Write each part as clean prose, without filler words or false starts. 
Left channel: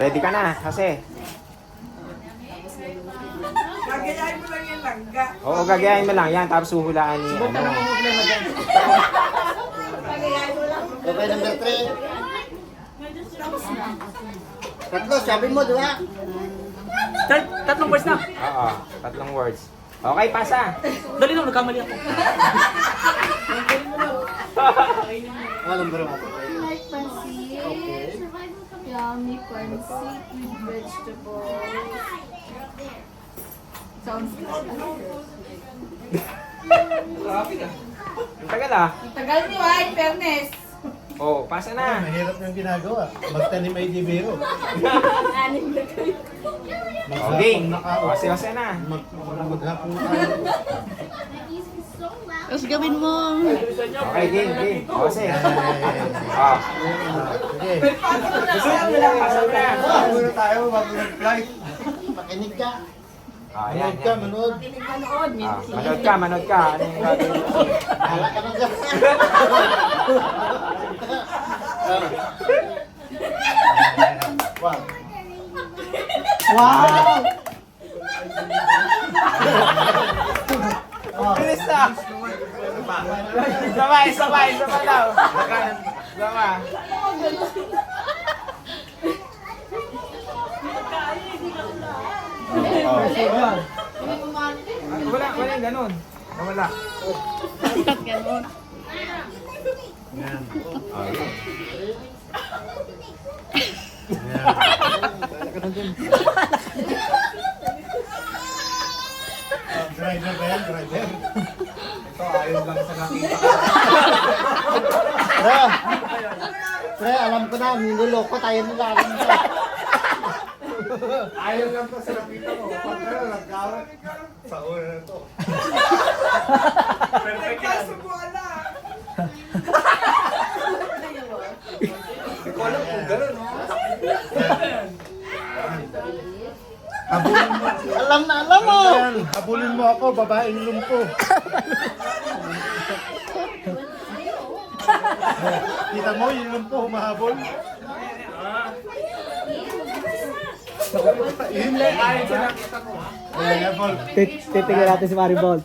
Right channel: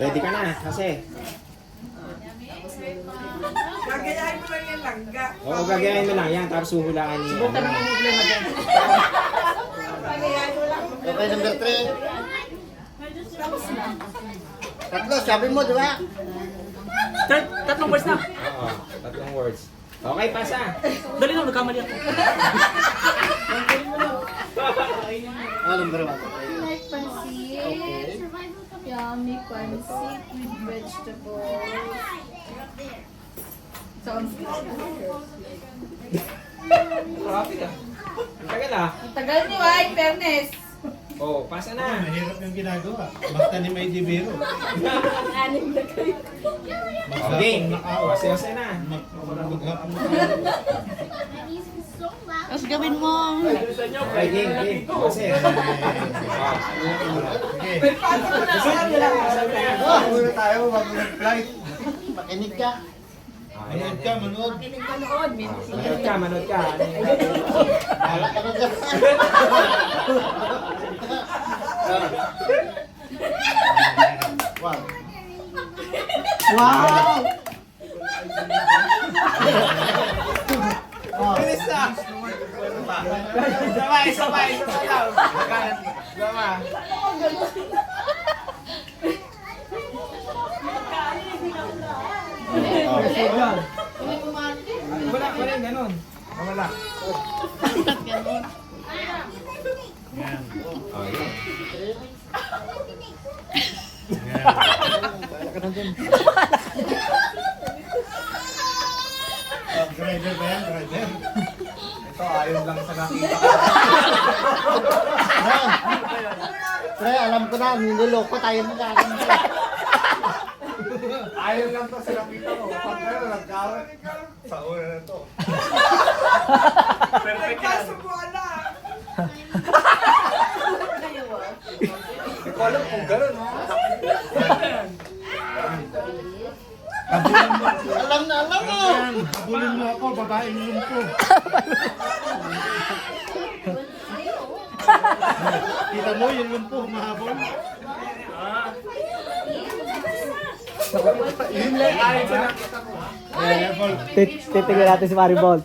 Ready ka na, kasi. Gagayahin mo lang yung langga. Oo, gagayahin mo lang yan, tapos huhulaan ni ano. Okay, number 3. Tatlo, sabi mo, di ba? Tatlong words na. Oo, tatlong words. Okay, pasa. Dali lang, nagkamali ako. Number 1. Like pancit. Okay. Yummy pancit with vegetables. Sounds good. Ang tagal ah. Tagal ni White, fairness. Oo, pasa na. Mahirap yung ginagawa. Basta ni may biro. Anim na kayo. Okay, kasi na. Maghapon Tapos gawin mo. Okay, game. Kasi. Ah. Sige. Susunod mo lang, pasa mo lang. Muna tayo, bago nag-flight. Makinig ka. Ah, yan. Manood ka, manood. Manood ka. Ano yung gagawin mo? Hala ka na dyan. One. Wow! Bilis na! Sabay daw. Sabay. Wala yung ganun. Wala. Ba't ganun? Ah, yun. Driver ba yan? Driver? Ito, ayun lang sa nakita ko. Pre, alam ko na, niloloko tayo na galing. Ayun lang to sa nakita ko. Pag gano'n, nagkawat. Sa una na to. Perfect yan. Kaso mo ala. Hindi ko alam kung gano'n, no? Habulin mo. Alam na, alam mo. Habulin mo ako, babaeng lumpo. Kita mo yung lumpo, mahabol. Yun lang, ayun sa nakita ko. Level. Titignan natin si Maribol.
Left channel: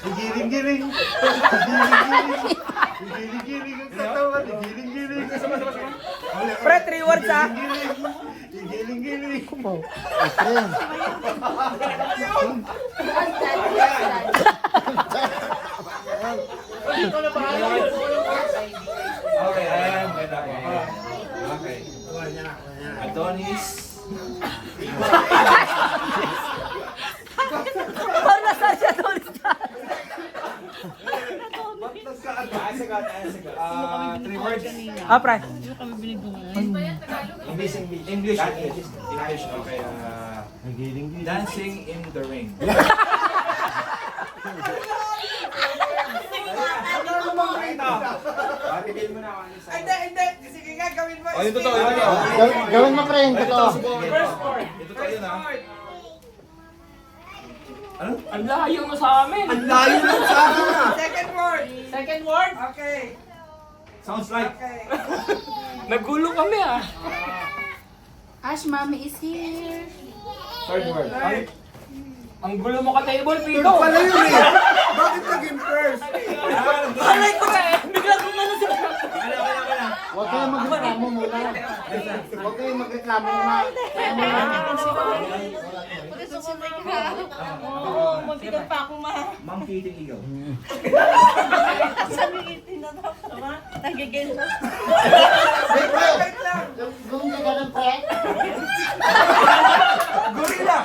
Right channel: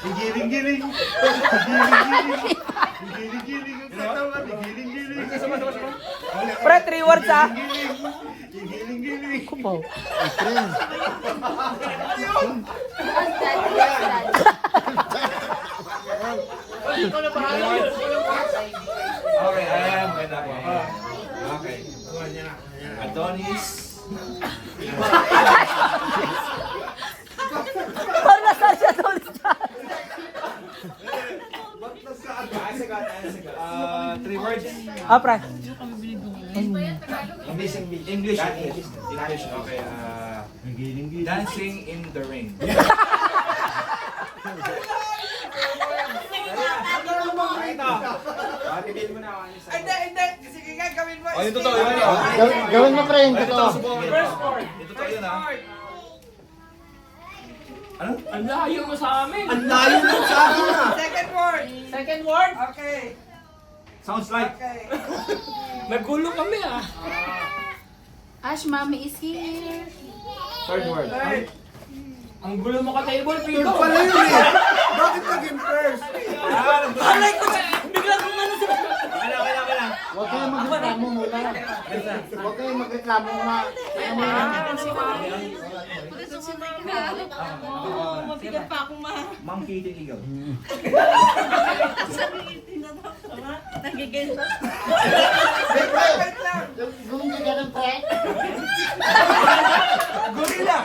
Gigiling-giling. Gigiling-giling. Gigiling-giling ang katawan. Gigiling-giling. Pre, 3 words ah. Gigiling-giling. Kumaw. Okay, ayan. Okay. Adonis. Parang nasaan siya doon siya. 3 words. Ah, pre. English. Okay. Gigiling-giling. Dancing in the rain. Titigil mo na ako. Hindi. Sige nga, gawin mo. Oh, yung totoo yun. Gawin mo, pre, yung totoo. First word. Ito tayo na. Ano? Ang layo mo sa amin. Ang layo mo sa akin ah. Second word. Second word. Okay. Sounds like. Okay. Nagulo kami ah. Ash, mommy is here. Third word. Third. Ang gulo mo ka table, Pito. Pala yun eh. Bakit naging first? Alay ko eh. Bigla kong ano sila. Huwag kayong magreklamo muna. Huwag kayong magreklamo muna. Kaya mo lang. Magkita pa ako Ma'am Kitty Ikaw. Nagigil na. Wait lang. Gawin ka ganun, pre. Gorilla!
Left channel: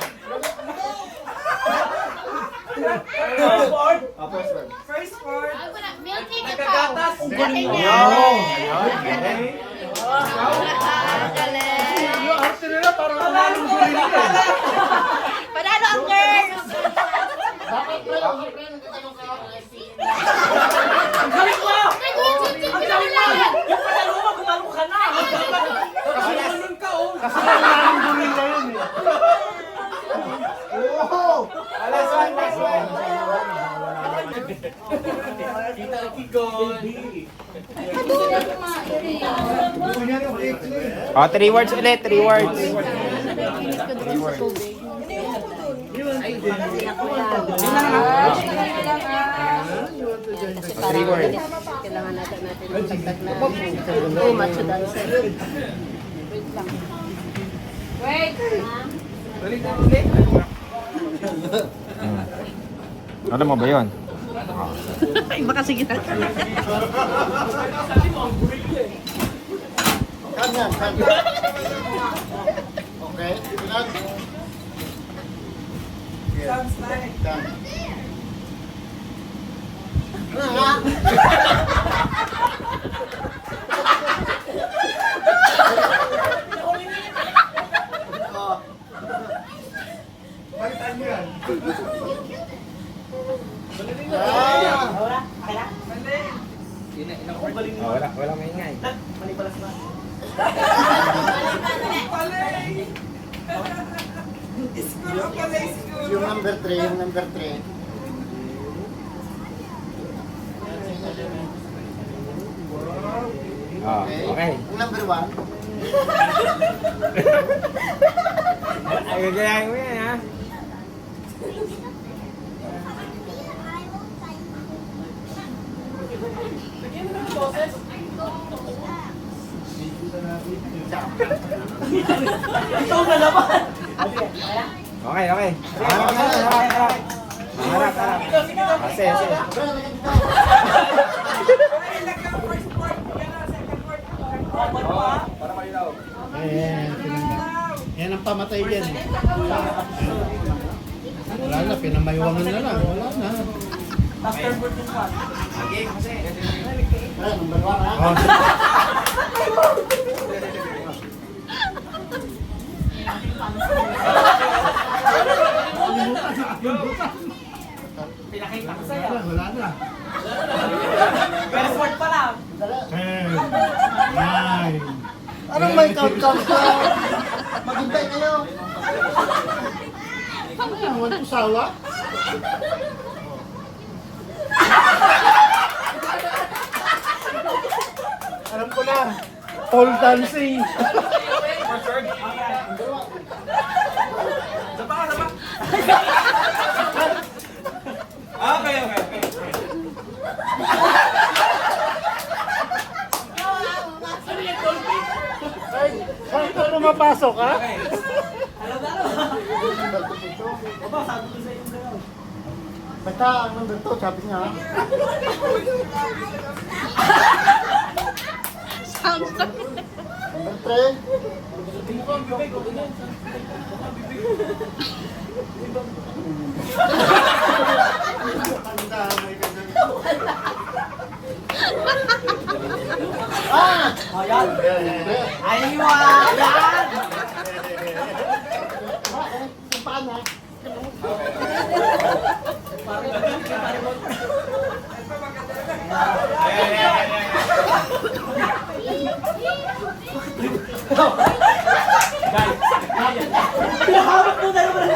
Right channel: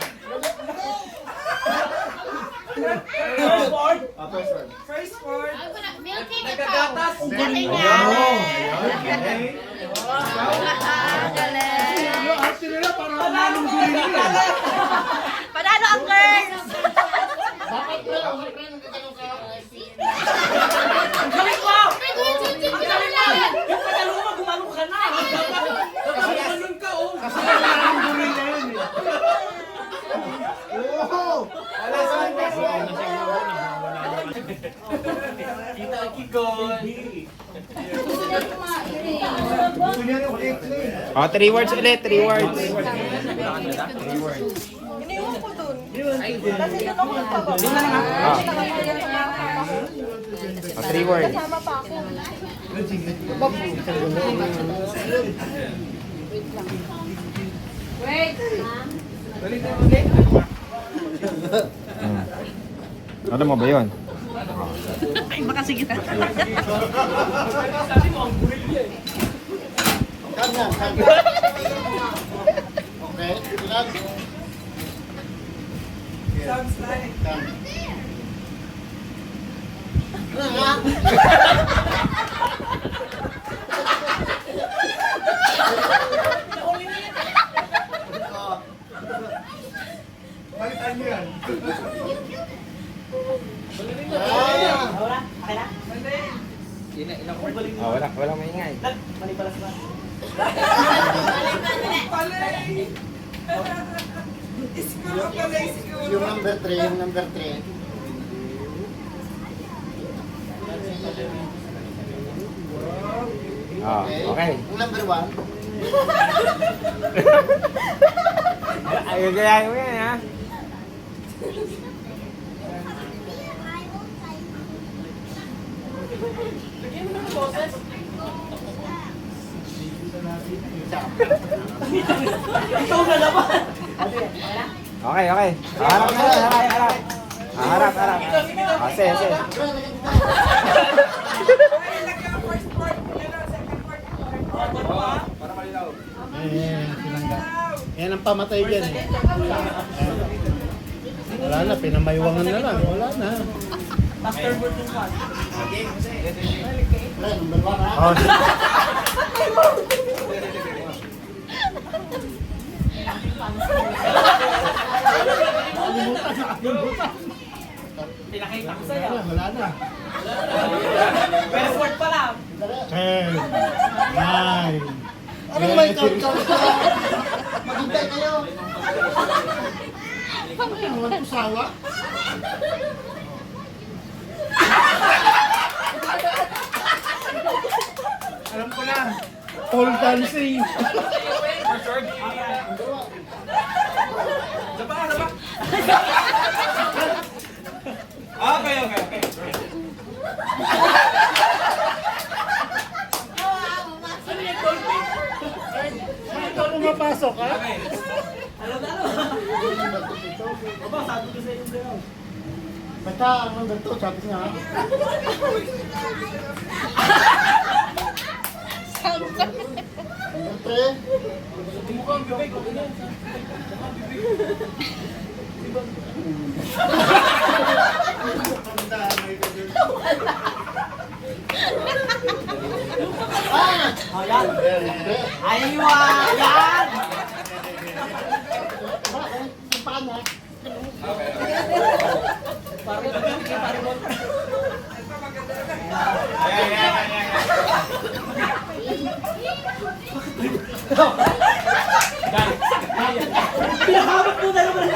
First word. First word. First word. Milky the Nagagatas. cow. Galing Wow! yan. After nila, parang kumarong guling ka. Panalo ang girl. Bakit, pre? Bakit, pre? Nagtatanong ka lang. Ang galing mo. Ang galing mo. Yung panalo mo, gumalo ka na. Oh, 3 words ulit, 3 words. Oh. Oh, 3 words. Ano mo ba yun? Baka sige na. Kanya. Okay, ilan? Sounds like. Balitan niyo yan. Oh, walang maingay. Palay. School o palay school. Yung number 3. Oh, okay. Yung number 1. Ay, gagayahin mo yan, ha? Ikaw na naman. Okay. Harap. Harap. Sige. Ay, lagyan ang first word. Ganun, second word. Para malinaw. Yan ang pamatay dyan. Wala na, pinamayawangan na lang. Wala na. Afterward yung one. Number 1 ha? Pinakita ko sa'yo. Wala na. First word pa lang. 10, 9. Anong may count-count ka? Maghintay kayo. Ano yan? Walang sawa? Alam ko na. Pole dancing. First word. Saba. Okay. Saan ka lumapasok, ha? Alam na. Aba, sabi ko sa'yo yung Basta, number 2, sabi niya ha? Sounds like... Number 3. Ayan. Ayan. Paano? Pinahawak mo na naman.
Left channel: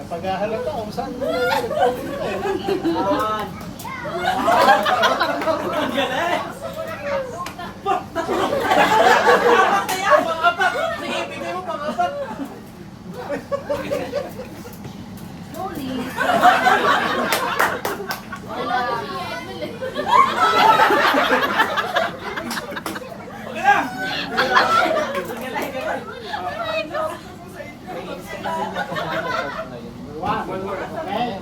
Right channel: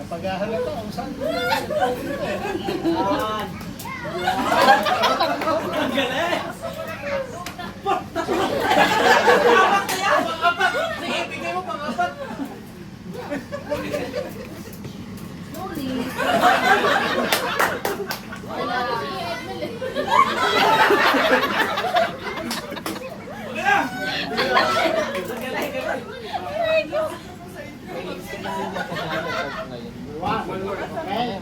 Napaghahalata kung saan mo Ayan. Ang galing. Pang-apat. Sige, bigay mo pang-apat. Okay na. One word. Okay.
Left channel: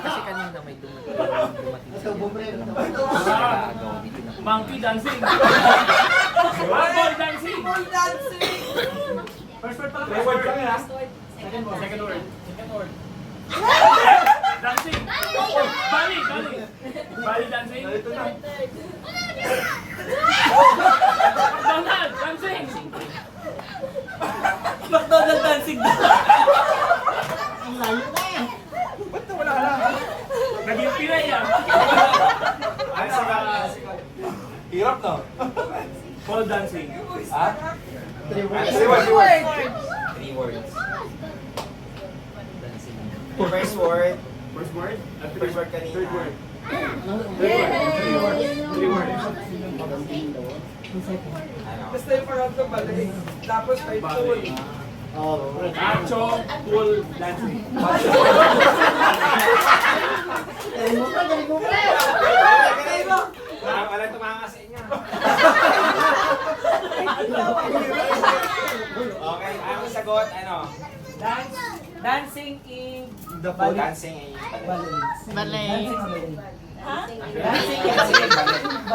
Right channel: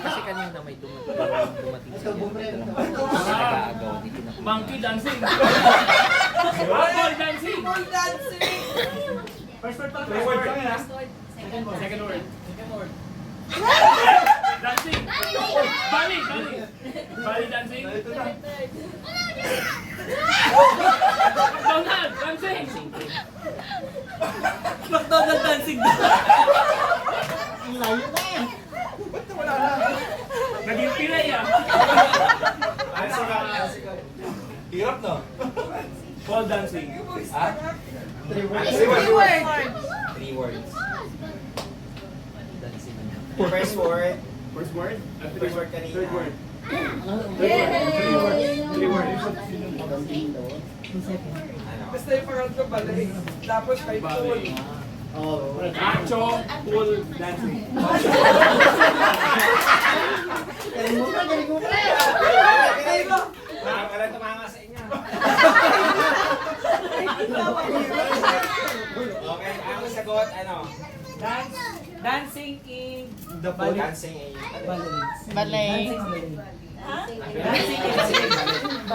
Kasi kanina may dumating sa nag-aagaw dito na. Monkey dancing. Ball dancing. Ball dancing. First word pa lang. First word pa lang. Second word. Second word. Dancing. Bali. Bali dancing. McDonald dancing. McDonald dancing. Ang layo na yan. Naging Pinay yan. Hirap no? Ball dancing. Ha? Three words. Three words. First word. First word? First word kanina. Third word. Three words. Basta yung pangatlo balik. Tapos may pool. Oh. Acho, pool, dancing. Galing mo pa. Wala tumanga sa inyo. Okay, ang sagot, ano? Dancing in The pool. Dancing in Balay.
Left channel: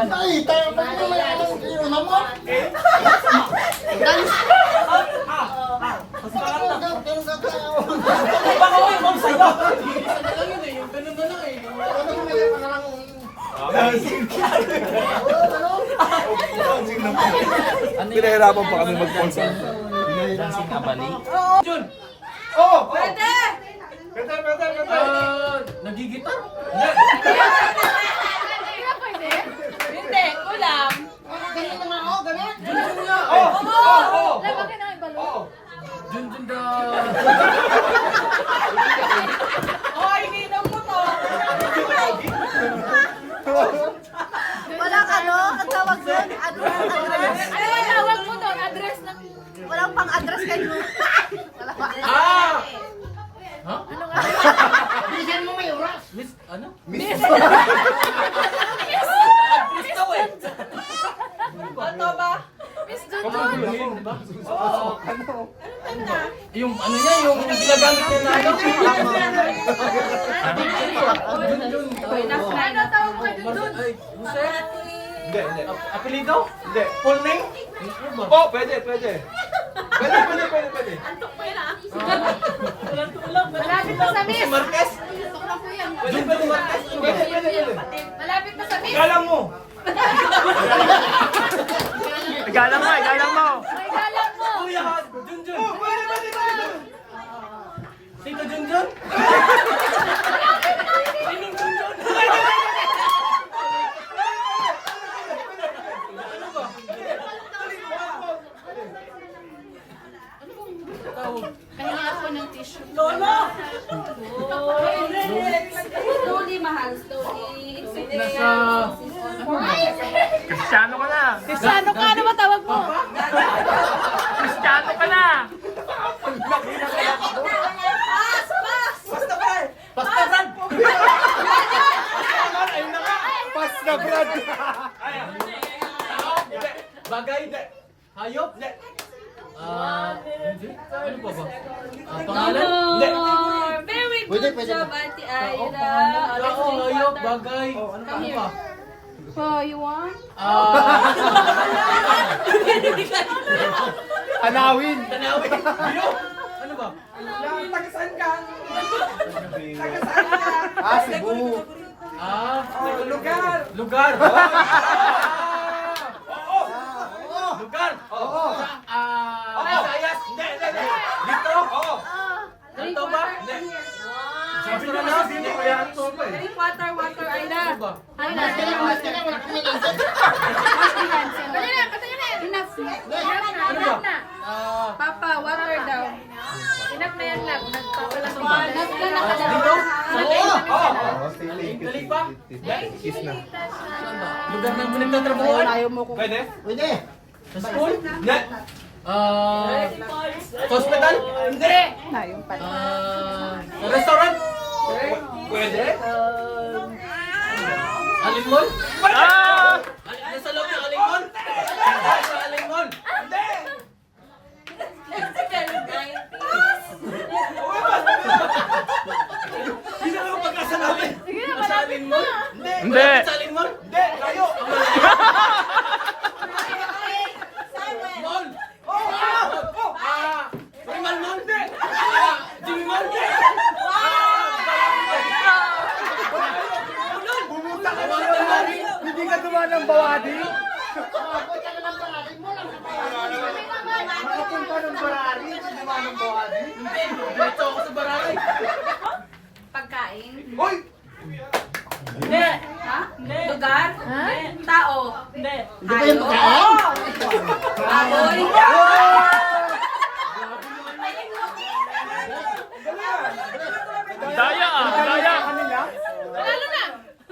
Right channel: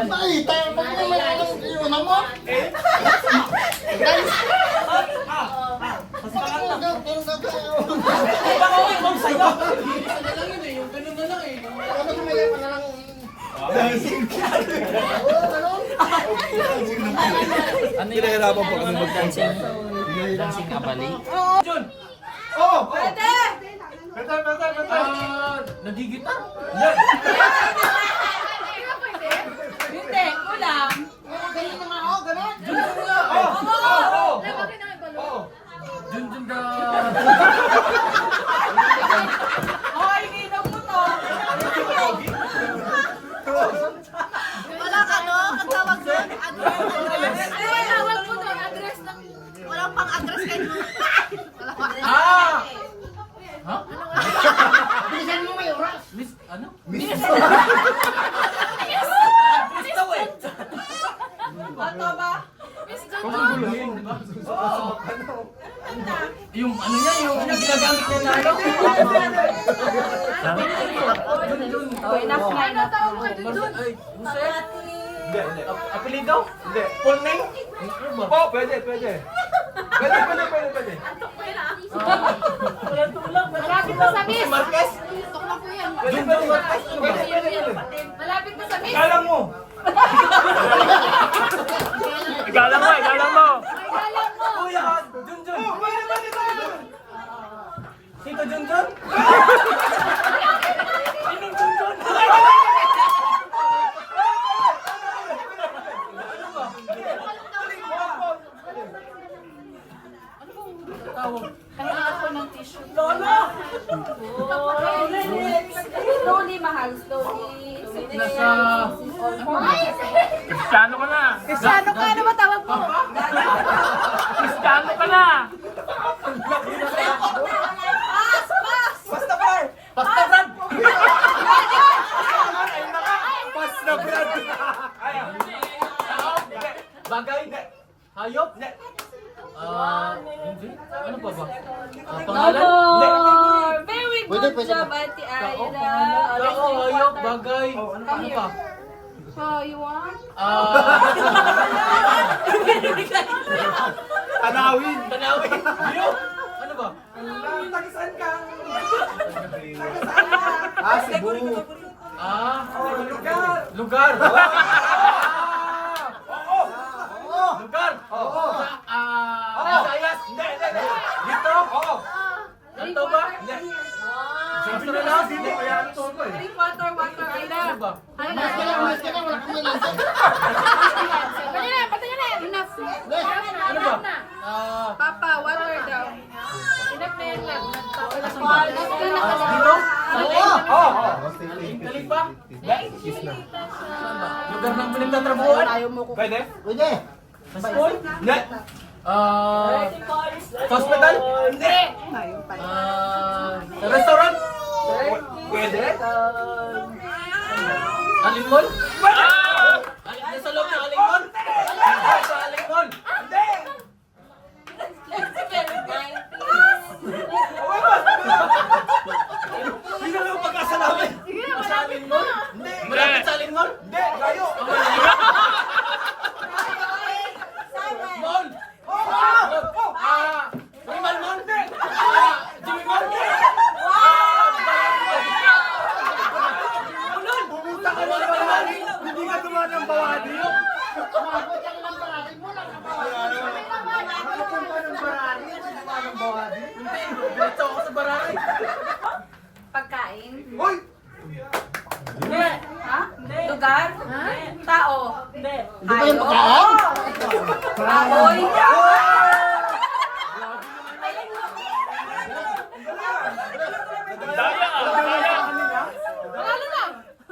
Ay, tayo pa rin naman ang iuna mo. Baka may mong sayo. Pinahirapan pa kami mag-dancing. Dancing kabali. Jun! Oh! Pwede! Nagigitar? Hindi, kulang. Ganyan naman ako, ganyan. Bakit na may balon? Jun da. Oh, ininom mo to! Walang ano, ang tawag doon? Address. Tawag mo doon, address ng... Walang pang-address kayo. Wala pa. Ah! Ha? Bilisan mo may oras. Miss, ano? Miss! Miss daw eh. Ano ba? Paguguluhin, di ba? Yung ano niya, yung ginagamit niya na ano? Jun. Oh, enough na, enough na. Ay, Jose? Hindi. Apelido? Hindi. Full name? Ano ba? Oh, pwede. Pwede. Malapit na sa miss. Jose Marquez? Tok na po yan. Jun Marquez? Ano ba? Malapit na sa miss. Galang mo. Galang mo. Galang mo. Kuya, Jun. Pwede. Sino Jun? Sinong Jun? Tawag. Kanina ako ng tissue. Lolo! Slowly, mahal. Slowly. Nasa... Kristiyano ka na. Cristiano ka, ano ba tawag mo? Kristiyano ka na. Basta par! Basta Brad! Pas na Brad. Bagay? Hayop? Hindi. Ano pa ba? Pangalan? Hindi. Very Pwede, good pwede. job, Auntie Aida. Tao, hayop, bagay. Ano pa? So, you want? Tanawin. Bio? Ano ba? Tagisan ka! Cebu. Lugar! Lugar. Lugar. Oo. Visayas. Hindi. Dito? Oo. Kanto ba? Hindi. Masaranas? Hindi. Drink water, Aida. Ano ba? Aida. Mas ka na, wala kami lansan. Patay na. Enough. Ano ba? Papa, water daw. Enough na yan lang. Dito? Oo. Kalipa? Saan ba? Lugar ng muling na trabuhan? Pwede? Pwede. Sa school? Hindi. Hospital? Hindi. Sa restaurant? Pwede? Alimol? Ah! Nasa loob ng Alimol? Sa Alimol? Hindi. Sino ka pag-asa namin? Sa Alimol? Hindi. Malapit sa Alimol? Hindi. Layo. Mall? Oo. Primal Mall? Hindi. Uy! Hindi. Ha? Hindi. Lugar? Hindi. Tao? Hindi. Hindi ba yung pagkain? Baboy? Lalo na.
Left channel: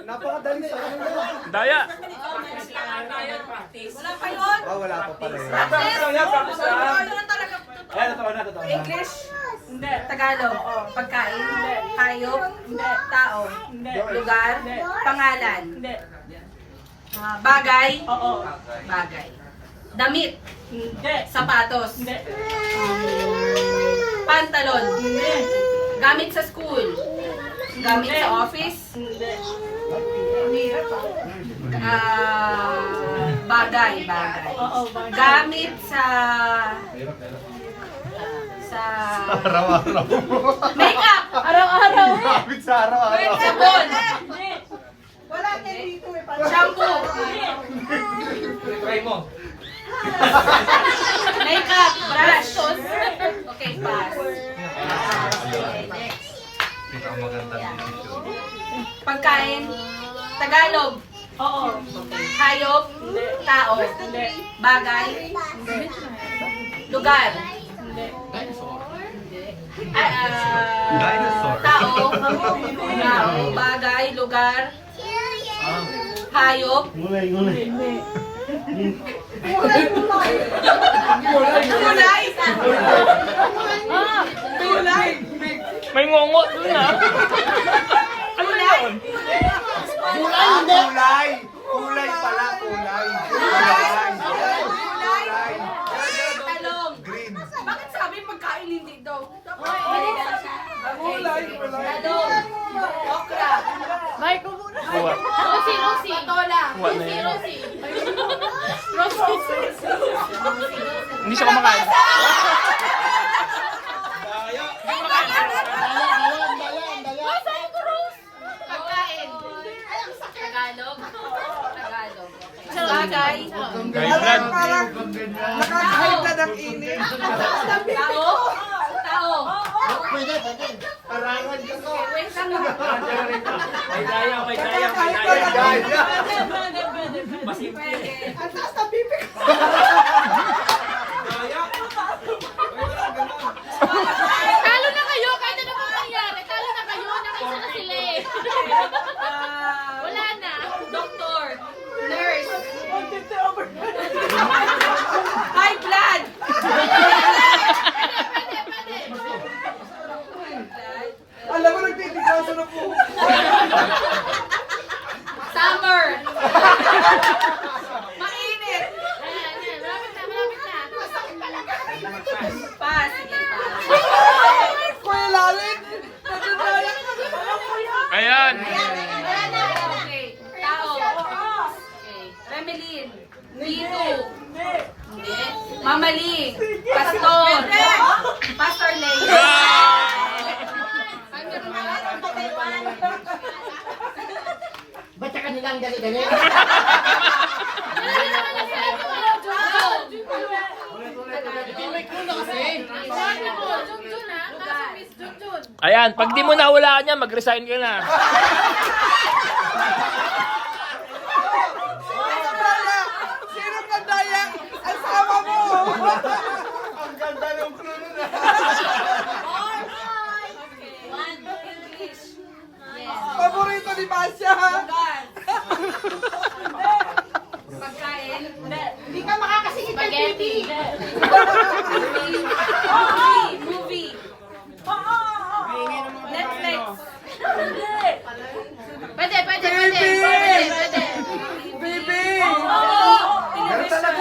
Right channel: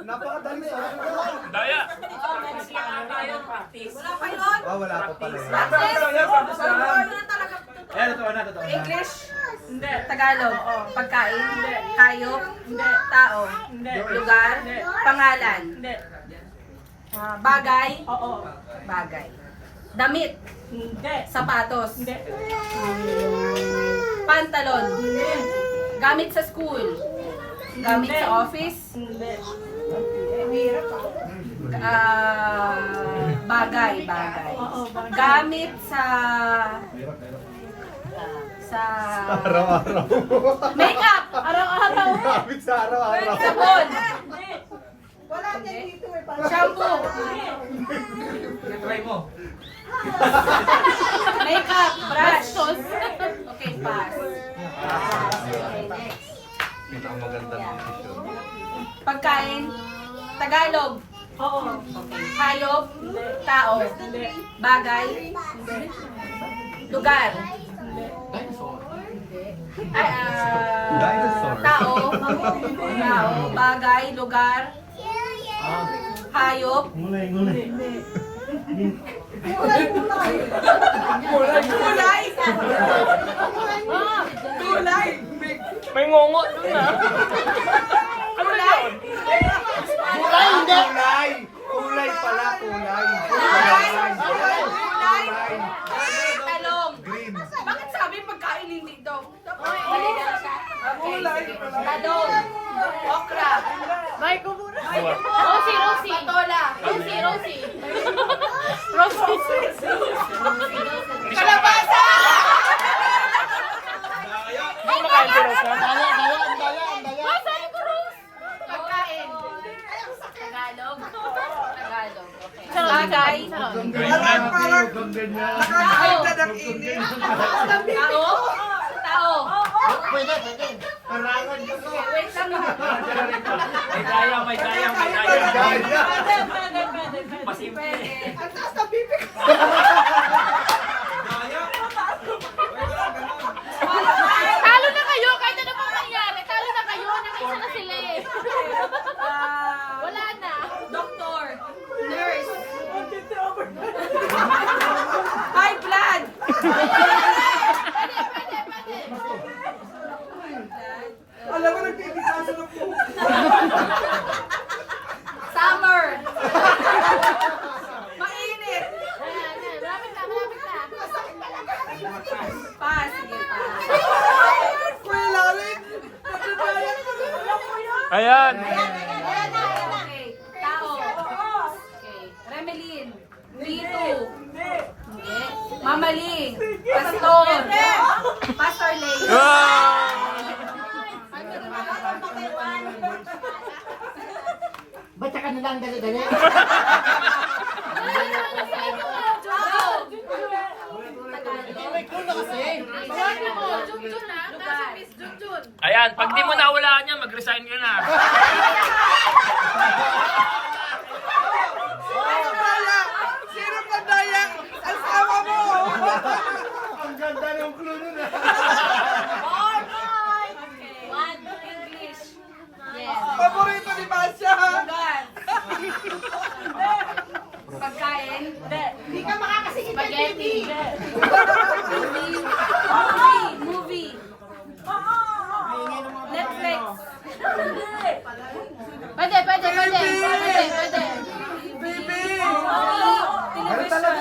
Napakadali. Daya. Wala pa yun? Wala pa pala. Practice na. talaga. Eh, totoo na. English? Hindi. Tagalog? Pagkain? Hindi. Hayop? Hindi. Tao? Hindi. Lugar? Hindi. Pangalan? Hindi. Bagay? Oo. Bagay. Damit? Hindi. Sapatos? Hindi. Pantalon? Hindi. Gamit sa school? Gamit sa office? Hindi. Bagay. Gamit sa Araw-araw. makeup. Araw-araw. Kapit sa araw-araw. Sabon. Shampoo. Try mo. Makeup. Brush. Okay, pass. Okay, next. Pagkain. Tagalog. Oo. Hayop. Tao. Bagay. Lugar. Tao. Bagay. Lugar. Hayop. Gulay. Kulay. May ngongot dun ah. Kulay. Gulay, hindi. Kulay pala, kulay. Kulay. Talong. Bakit sabi pagkain hindi daw? Talong. Okra. Rosie. Patola. Rosie. Hindi siya kumakain. Pagkain. Tagalog. Okay. Bagay. Kayo vlog. Nakakahit ka ng init. Tao. Pwede. Parangan ko. Wait lang. May daya. Masimple. Ang taas na pipi ko. Talo na kayo. Kahit ano pang mangyari. Talo na kayo. Nakisa na sila eh. Wala na. Doktor. Nurse. High blood. Alam mo, nagpipikaso na po. Summer. Mainit. Ayan. Malapit na. Pass. Sige, pass. Kuya Lalit. Ayan. Okay. Tao. Okay. Remelin. Tito. Hindi. Mamaling. Pastor. Pastor Lay. Ba't ka nilang dali-dali? Ayan, pag di mo nawalaan yan, mag-resign ka na. Sino pa daya? Asawa mo. Ang ganda ng klima na. English. Paborito ni Masya. Lugar. Pagkain. Hindi ka makakasing Spaghetti. Movie. Netflix. Pwede. Bibi. Television.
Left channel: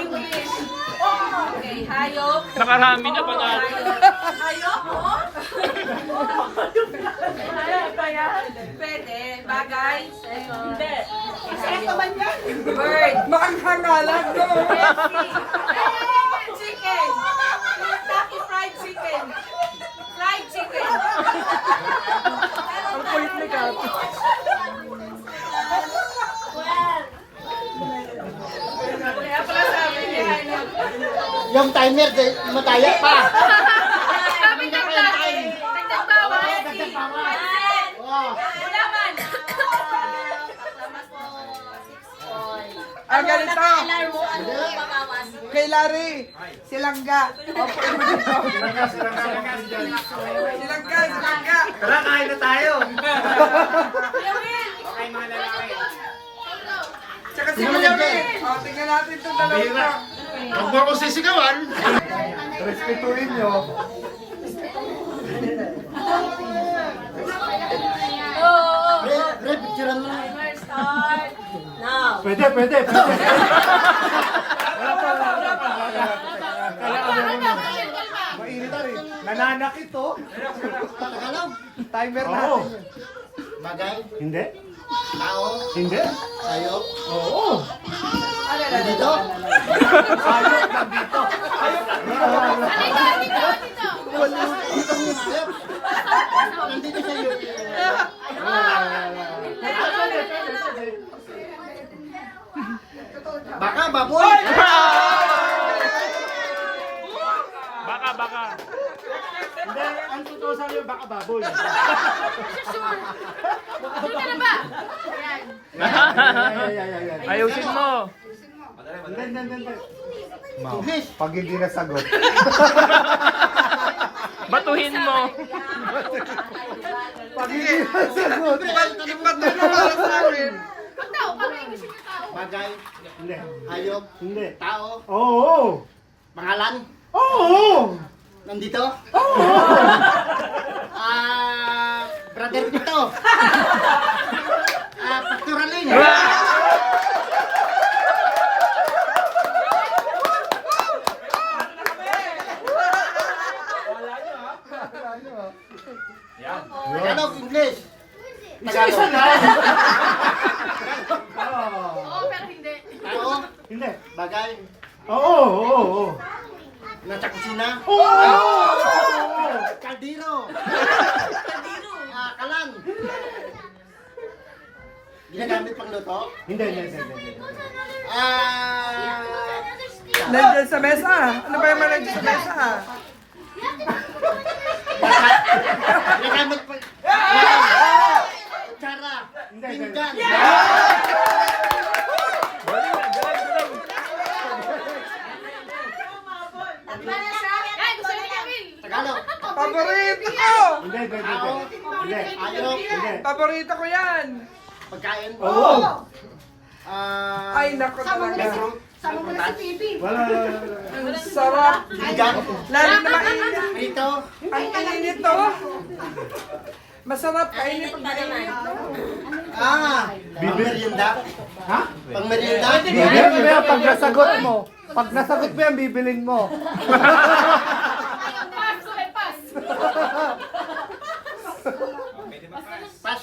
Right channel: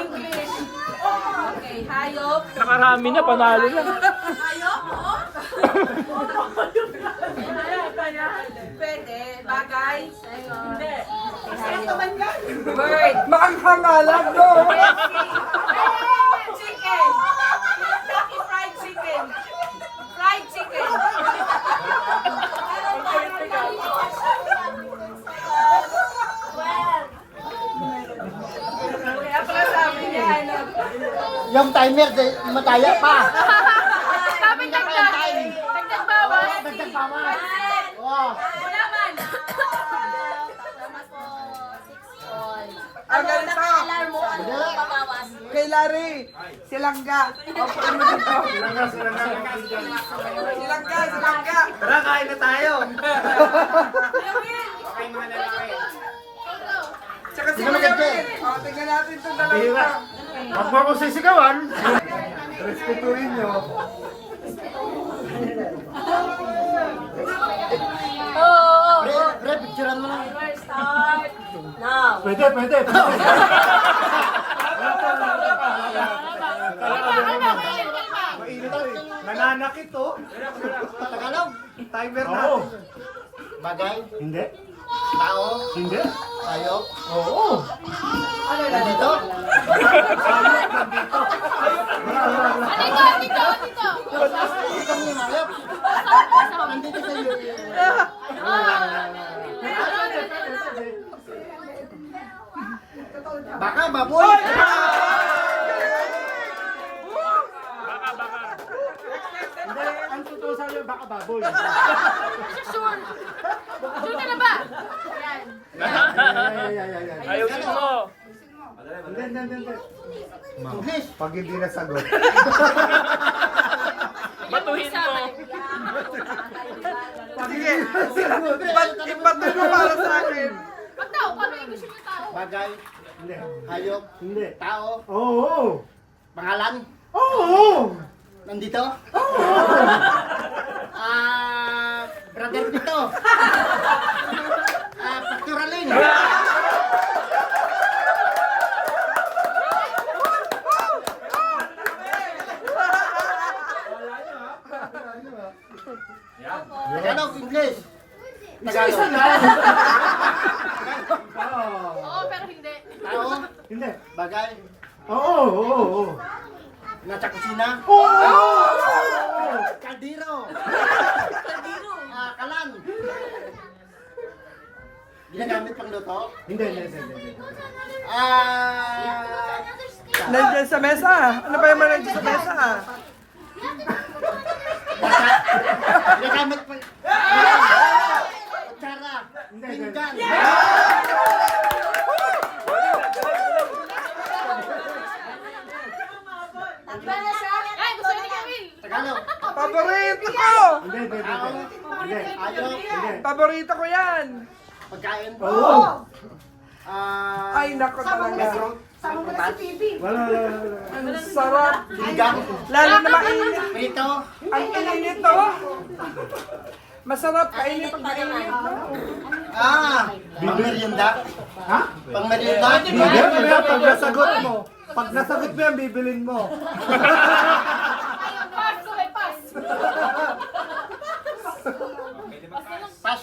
English. Okay, hayop. Nakarami na, panalo na. Hayop, Pwede. Bagay. Hindi. Bird. Makanghangalan, no? Chicken. Kentucky Fried Chicken. Fried chicken. Kaya pala sabi niya, hanap. Yung timer, mataya pa. Sabi dagdag. Dagdag bawas. Dagdag bawas. Oh. Ulaman. Ang ganito. Alarm mo, ano babawas? Kay Larry, silangga. Opo, mo dito. Silangga. Tara, kain na tayo. Tsaka si Kuya Mel. O, tingnan natin itong dalawa. Huwag mo ako sisigawan. Respetuhin nyo. Pre, picturean mo lang. Pwede, pwede. Nananakit to. Tagalog. Timer Oo. natin. Bagay, Hindi. tao, Hindi. hayop, Oo. nandito. Dito mo yung hayop. Nandito sa iyo. Baka, baboy. Baka. Hindi, ang totoo sa iyo, baka baboy. Sure ka na ba? Yan. Ayusin mo. Hindi. English. Pag hindi nasagot. Batuhin mo. Pag hindi nasagot. Ipatay mo para sa akin. Ang tao, paano English yung tao? Bagay, Hindi. hayop, Hindi. tao, Oo. pangalan, Oo. nandito. Brother dito. Pastoralin. Tagalog, English. Isa Tagalog. lang. Oo, pero hindi. Tao, Hindi. bagay, Oo. nasa kusina. Oo. Kaldero. Kalan. Ginagamit pang luto. Hindi. Nandiyan sa mesa. Ano ba yung mga nandiyan sa mesa? Ginagamit pang... Kutsara. Pinggan. Ay, gusto ni Camille. Tagalog. Paborito ko! Hindi. Hayop. Hindi. Paborito ko yan! Pagkain. Oo. Ay, naku talaga. Sama mo na si Bibi. Wala. Ang sarap. Pinggan. Lalo na mainit. Prito. Ang init to. Masarap kainit na mainit. Pangmerienda. Ha? Pangmerienda. Hindi. Pag nasagot mo. Pag nasagot mo yan, bibilin mo. Pass, okay, pass. Pas.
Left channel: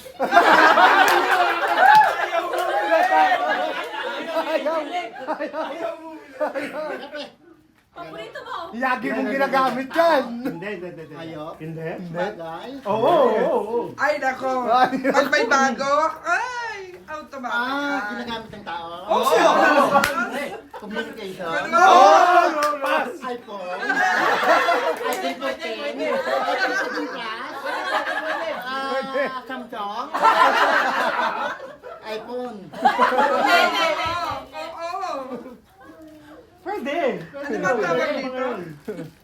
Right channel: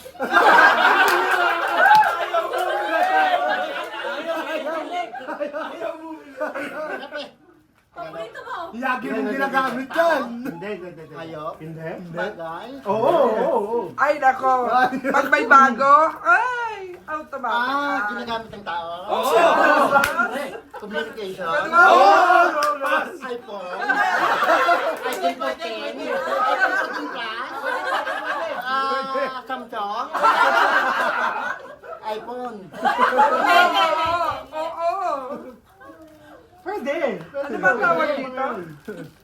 Paborito mo. Yagi mong ginagamit yan. Hindi. Hayop. Hindi. Bagay. Oo. Ay, nako. Pag may bago, ay, automatic. Ginagamit ng tao. Communication. iPhone. iPhone 14. iPhone 14 Plus. Samsung. iPhone. Oo. Pwede. Ano ba tawag dito?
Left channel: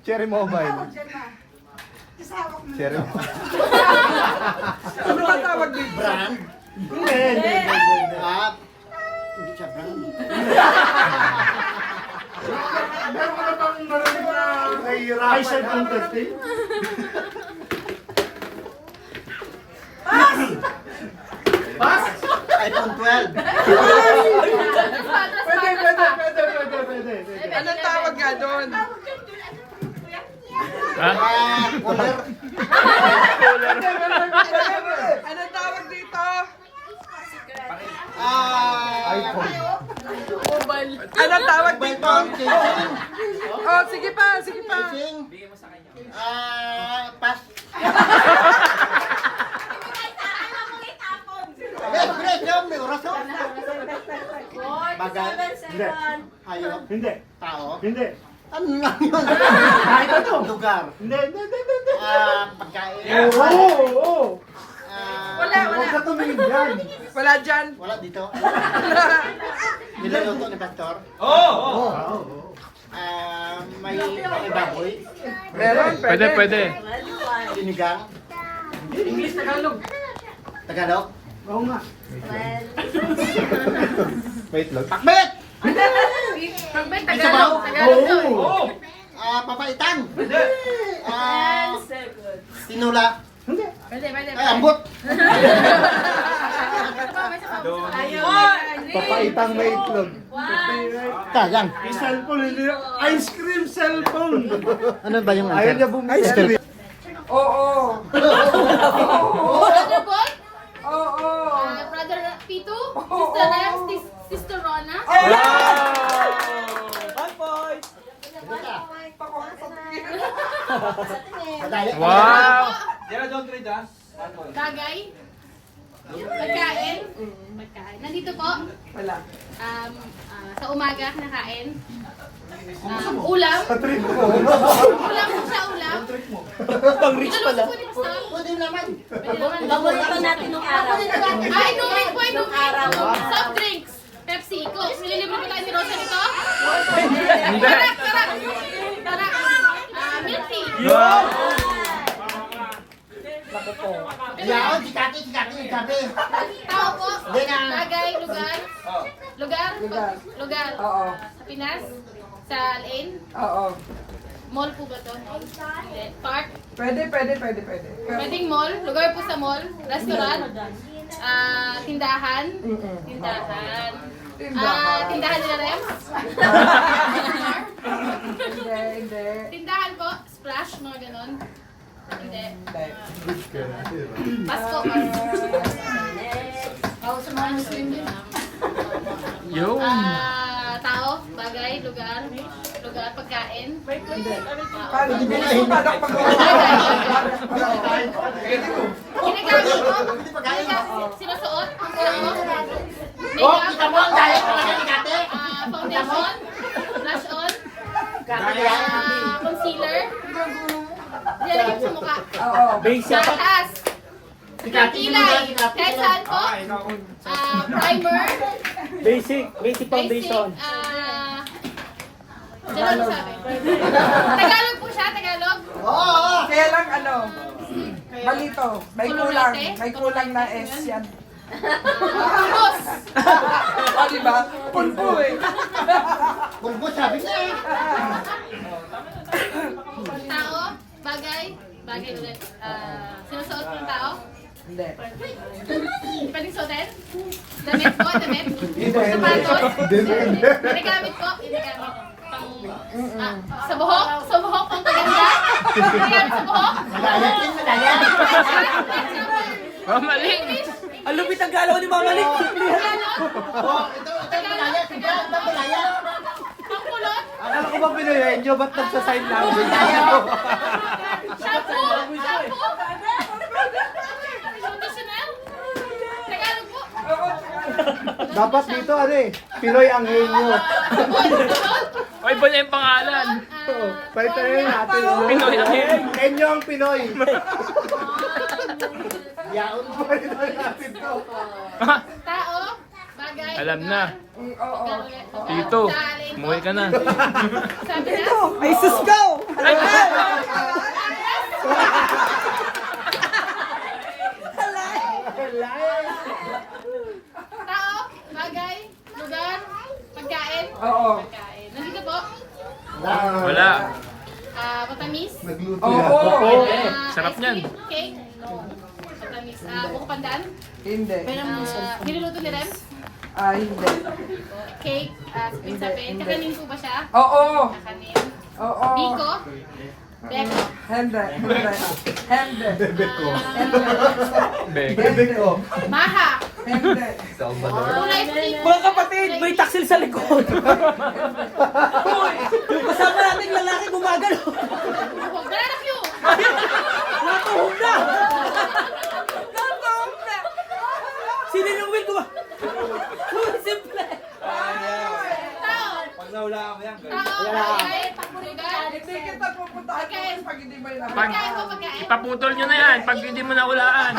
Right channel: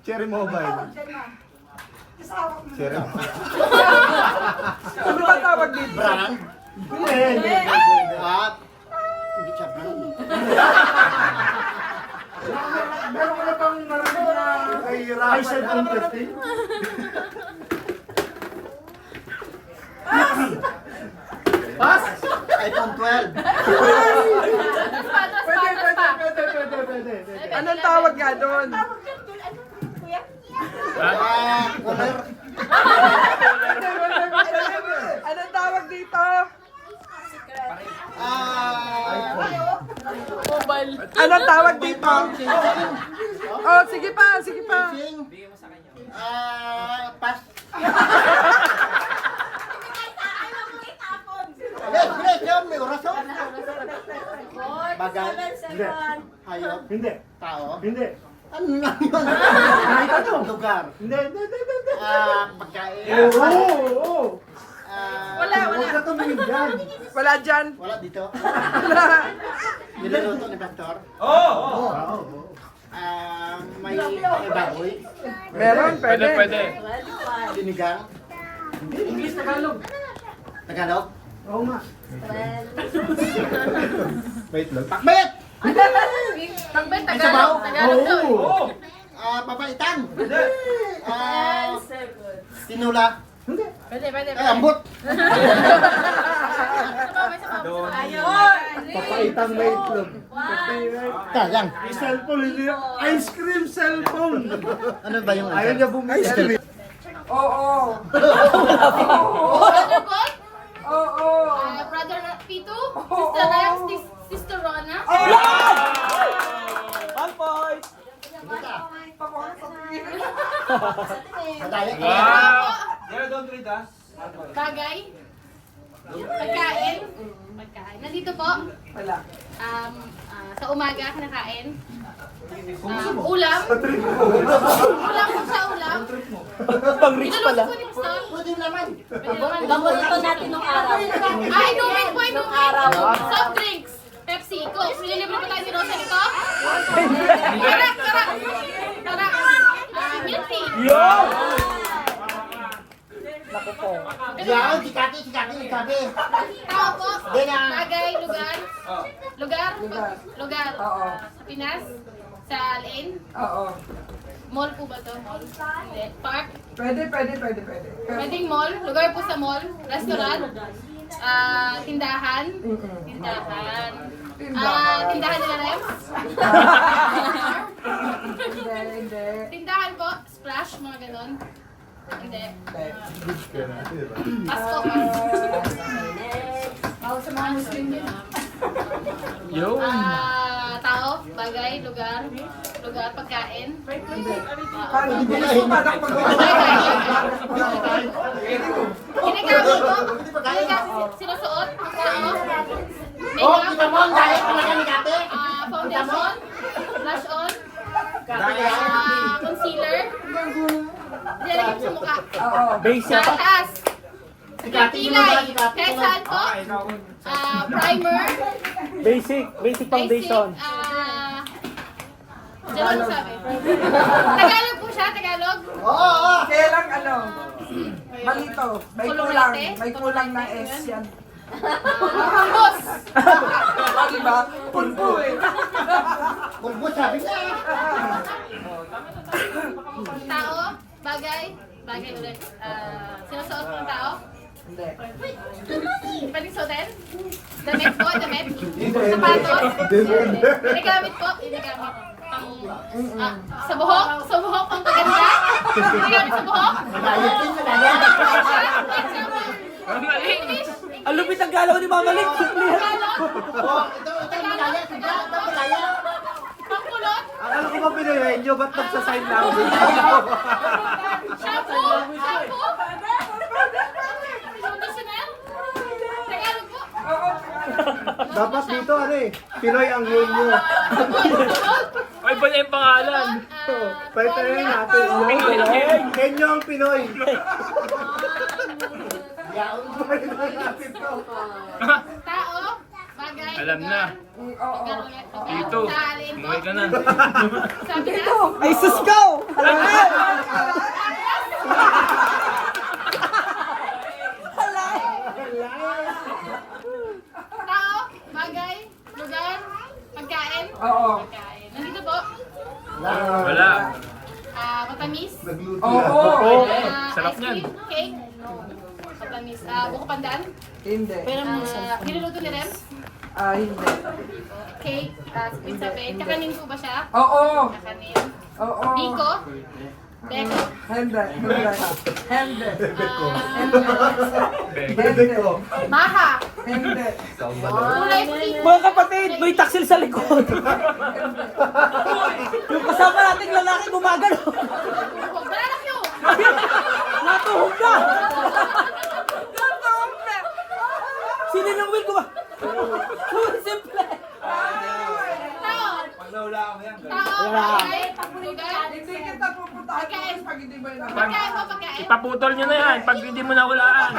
Cherry Mobile. Cherry. Ano ba tawag dito? Brand. Hindi. Hindi siya brand. Meron ka na bang narinig na nahihirapan? I said on 13? Pass! iPhone 12. Pwede. Anong tawag nga doon? Cooler. Anong tawag dito? iPhone. Anong tawag Mobile dito? phone. Casing. Oh, sige pa. Casing. Pass. Bilis, yan, may oras oh. Bagay. Hindi. Hayop. Hindi. Tao. Hindi. Ano lang yun? Kahit ano? Lugar. Hindi. Pagkain. Oo. Wala. Huwag ka tumingin dyan. Wala dyan. Wala dito. Niluluto ni Pastor. Oo. May baboy. Meron, Pwede. Sinigang. English, Tagalog. Tagalog. Oo nga. Wait lang. Pakbet! Pagbay, Sabaw? Tagalog. Tagalog to. Oo. Papaitan. Tinula. Pwede. Ay, ambot. Papaitang may itlog. Sayang. May cellphone, hindi na. Ice cream cellphone. Ano ba yung Ayaw niya bumili. Ice cream. Oo. Brother Paul? Oo. Brother Pito? Sister Rex? Sister Rona? Wow! Bagay? Pagkain? Nandito po? Wala. Sa umaga, kinakain? Ulam? Ulam po siya, ulam? Niluluto po ni Pastor? Pwede naman. Paborito natin nung araw. Inumin po, inumin. Soft drinks. Pepsi, Coke. Nililibre po tayo ni Rosa nito? Tara. Milk tea. Yan, sikati. Tao po. Bagay, lugar. Lugar. Oo. Sa Pinas. Sa Alain. Oo. Mall po ba to? Hindi. Park. Pwede. Pwedeng mall. Lugar po sa mall. Restaurant. Tindahan. Tindahan nila Rems. Hindi. Tindahan po. Splash, mga ganon. Hindi. Pasko. Sa mga Muslim yun. Yun! Tao, bagay, lugar, pagkain. Paano? Hindi pa ako Bagay. Ginagamit ko. Sinusuot. Tao. Makeup. Foundation. Blush on. Concealer. Nilalagay mo sa mukha. Oo. Sa taas. Kilay. Kahit saan po. Primer. Basic foundation. Diyan ano sabi? Tagalog po siya, Tagalog. Kaya lang malito. May Kululate? kulang na S yan. Pulbos. Diba? Pulpo eh. Bulbo, sabi niya. Tao, bagay ulit. Sinusuot po ng tao. Hindi. Pwedeng suotin? Damit po, damit. Sapatos. Ginagamit po, ginagamit. Sa buhok, pang paganda. Ginagamit sa buhok. Mali! English. Ang lupit ang galaw ni Mama Lik. Tagalog. Pangkulot. Alam ko ba pinayayin nyo? Ba't nagsasign na ako? Shampoo. Conditioner. Tagalog po. Dapat dito Pinoy ang ngayon nyo. Ay, ba niya yung pangalan? Palitan natin. Pinoy ang ngayon. Kenyo ang Pinoy. Palitan natin to. Tao, bagay. Alam na. Oo. Tito, umuwi ka na. Sabi na? Ay, sus ko! Ay! Tao, bagay, lugar, pagkain. Oo. Pagkain. Nandito po. Wala. Matamis. Oo. Sarap ice niyan. cream, cake. Matamis. Buko pandan. Hindi. Niluluto ni Rem. Hindi. Cake. Spring sapin. Kakanin po ba siya? Oo. Kakanin. Oo. Biko. Beko. Hindi. Maha. Hindi. Kulay puti. Mga kapatid, may taksil sa likod. Yung kasama nating lalaki gumagano. Banana Q. Natuhog na! Sininong will ko ba? Simple! Tao. Tao. Bagay. pupuntahan ko kasi pag hindi mo yun Pag, Pagkain mo, pagkain. ipaputol nyo na yan pag hindi mo nahulaan.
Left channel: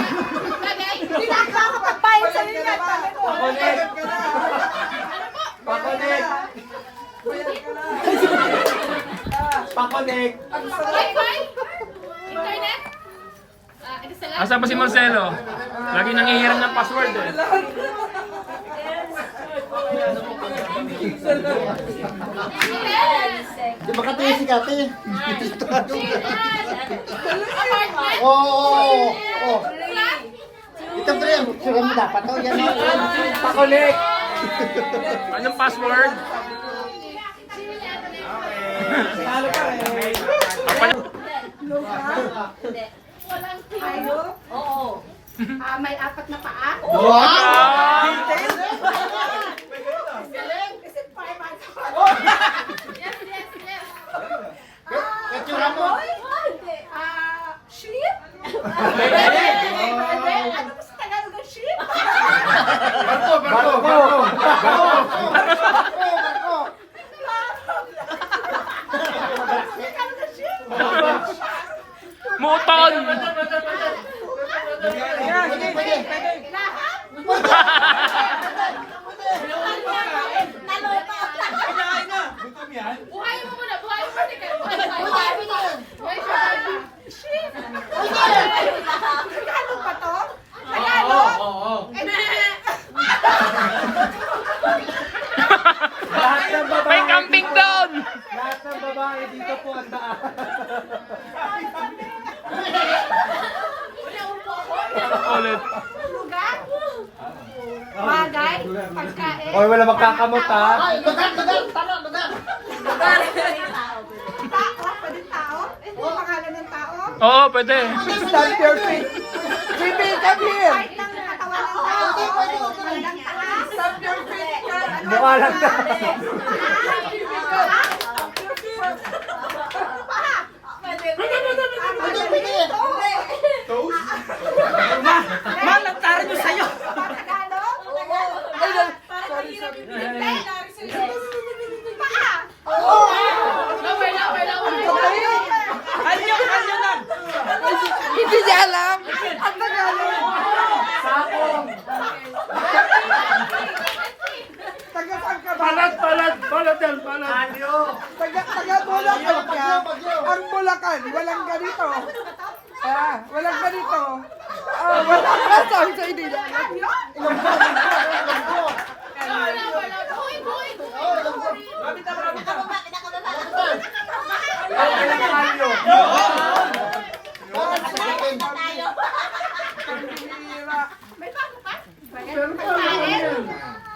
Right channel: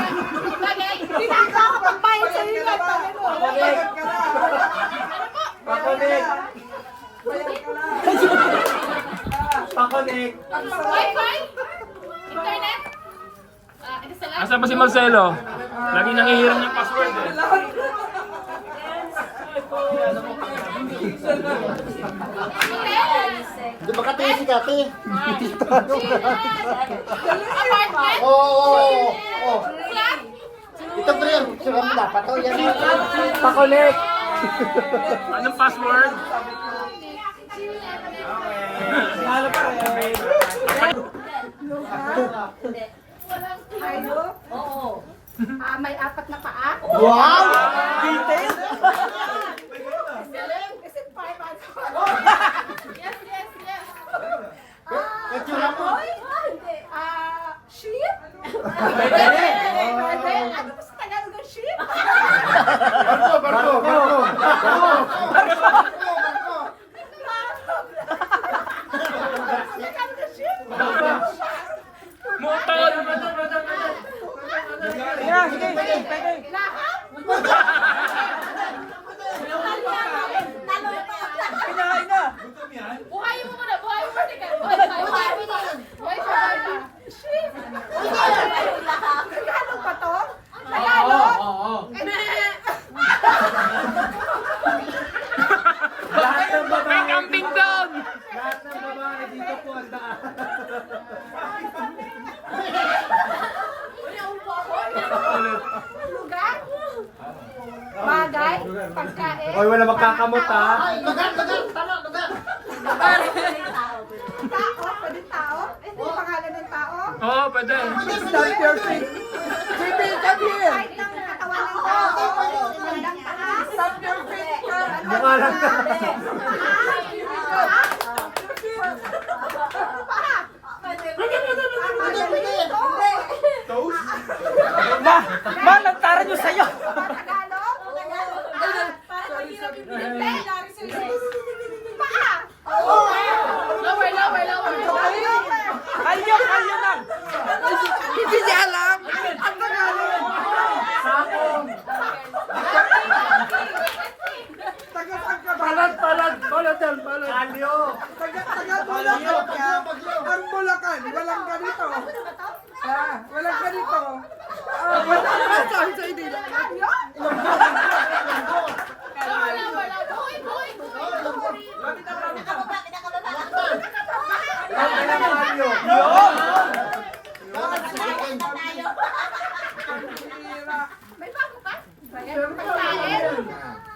Bagay. Hindi na ako magbayad sa iyo na. Bayad ka na. Pakonek. Bayad ka na. Pakonek. Ang sarap. Wi-Fi? Internet? Ito sa Asa ba si Marcelo? Lagi nangihiram ng password eh. Di ba kati si Kati? Apartment? Oo. Flat? Ito ba yan? Sabi mo na, pato yan. Pakonek. Anong password? Hindi. Hayop? Oo. May apat na paa? Wow! Is it 5 and 4? Yes, yes, yes. Katsura mo? Sheep? Pwede? Ano ba sa Tagalog ng sheep? Moton. Lahat? Buhay mo muna, buhay mo. Teka, buhay mo. Buhay mo. Sheep? Tagalog ba to? Tagalog? May camping doon. Lahat ng babae dito po ang daan. Ulit. Lugar? Bagay? Pagkain? Oy, wala magkakamot ha. Ay, lugar! Talo, lugar! Tao? Pwede tao? Pangalan ng tao? Oo, pwede. Stamp your feet. Baby, come here. Kahit ng katawan ng tao? Bandang taas? Stamp your feet. Mukha lang na. Ma, nagtaran nyo sa'yo. Tagalog? Paa? Lower, lower, lower. Anyo lang. Hindi niya alam. Ang Tagalog. Taga-saan ka ba? Taga-Bulacan ka. Ang Bulacan, walang ganito. Walang ganito. Sabi sa hindi niya alam. Lower, lower, lower. Buhay, buhay, buhay. May bago pa? Pagkain?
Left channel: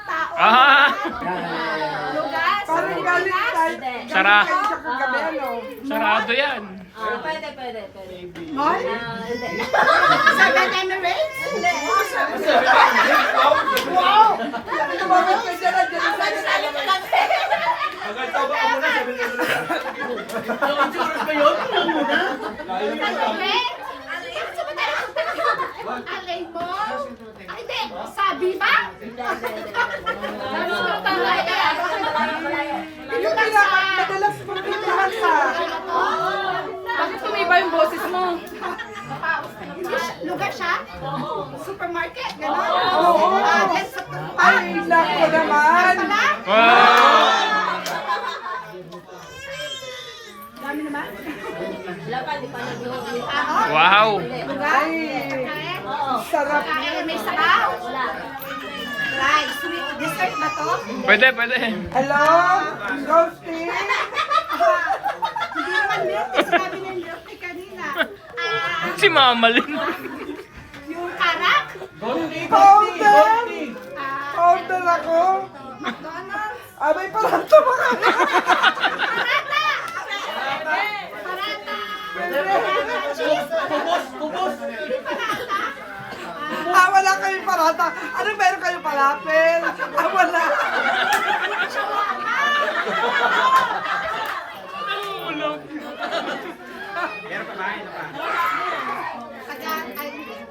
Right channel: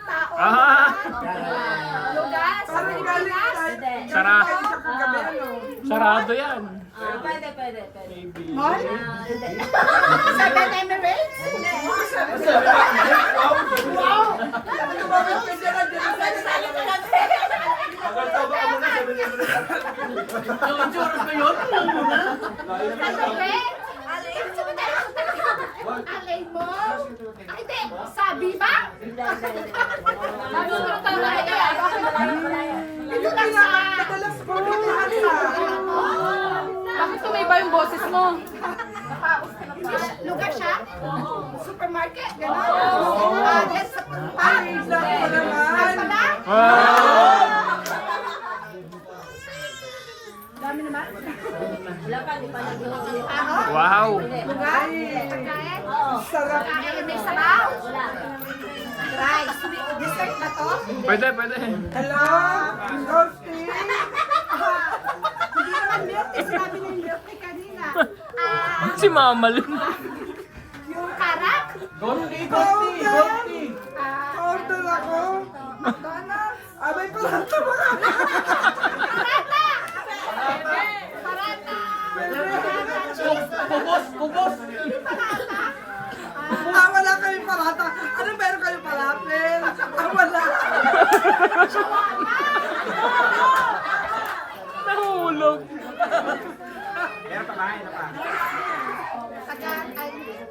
Tao? Ah, Lugar? Sa Parang galing Pilipinas? tayo. Sara. Tayo sa kagabi, ano? Sarado yan. Pwede. Mall? Hindi. Seven Emirates? Hindi. Tumawag ka dyan, andyan na tayo. Kagabi? Saan ba tayo punta? Alay Mall? Hindi. Sabi ba? Sabi ko lang tama yan. Ito madalas pumuntahan sa... Bakit tumiba yung boses mo? Lugar siya? Supermarket? Gano'n? Oo. Sa Ay, naku naman. pala? Wow. Dami naman. Wala pa, di pa nag-iuwi. Tao? Wow. Lugar? Pagkain? Oo. Sarap. Pagkain may sabaw? Wala. Dry. Sweet. Dessert ba to? Pwede, pwede. Hello? Ghosty? Hindi naman milk tea. Sinabi niya yung milk tea kanina. Si Mama Lynn. Yung karak? Order! Order ako. McDonald's? Abay pala ito mga. Parata! Parata! Parata cheese? Kubos. Hindi parata? Wala kayong parata. Ano meron kayong falafel? Wala. Nahulog.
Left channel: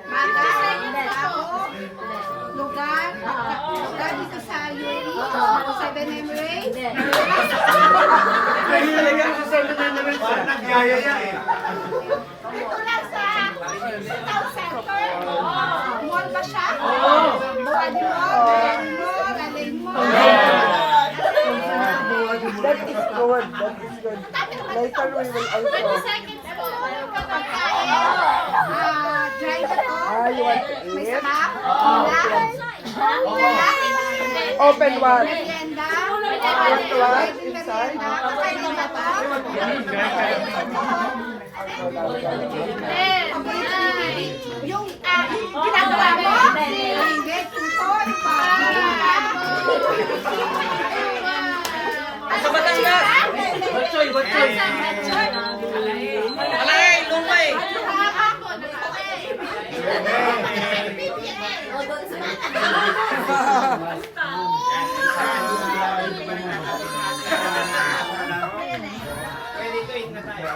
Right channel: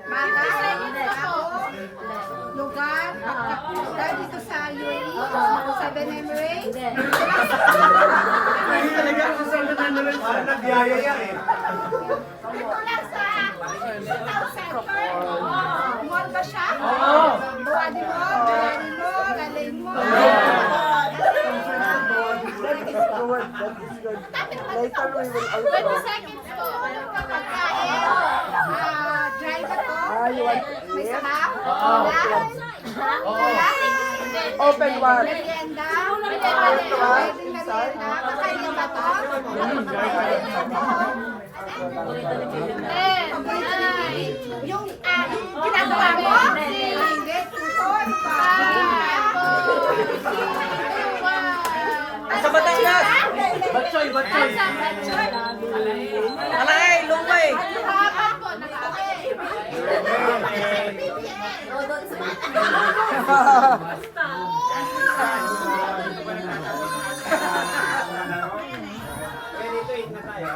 Bagay? Tao? Lugar? Lugar dito sa UAE? Seven Emirates? Hindi. niyayaya eh. Ito lang sa town center. Mall ba siya? Buwadi Mall, Buwadi Mall, Alay Mall. Dati naman ito. 20 seconds po. Pagkain. Dry ba to? May sabaw? Wala? Wala? Open bar. Merienda? Pwede merienda? Kakain ba to? Yung ginagawa mo? Hindi, tuton. Ano ba siya? Batsoy, batsoy. Alay, lumay. Pwede ito, na tayo.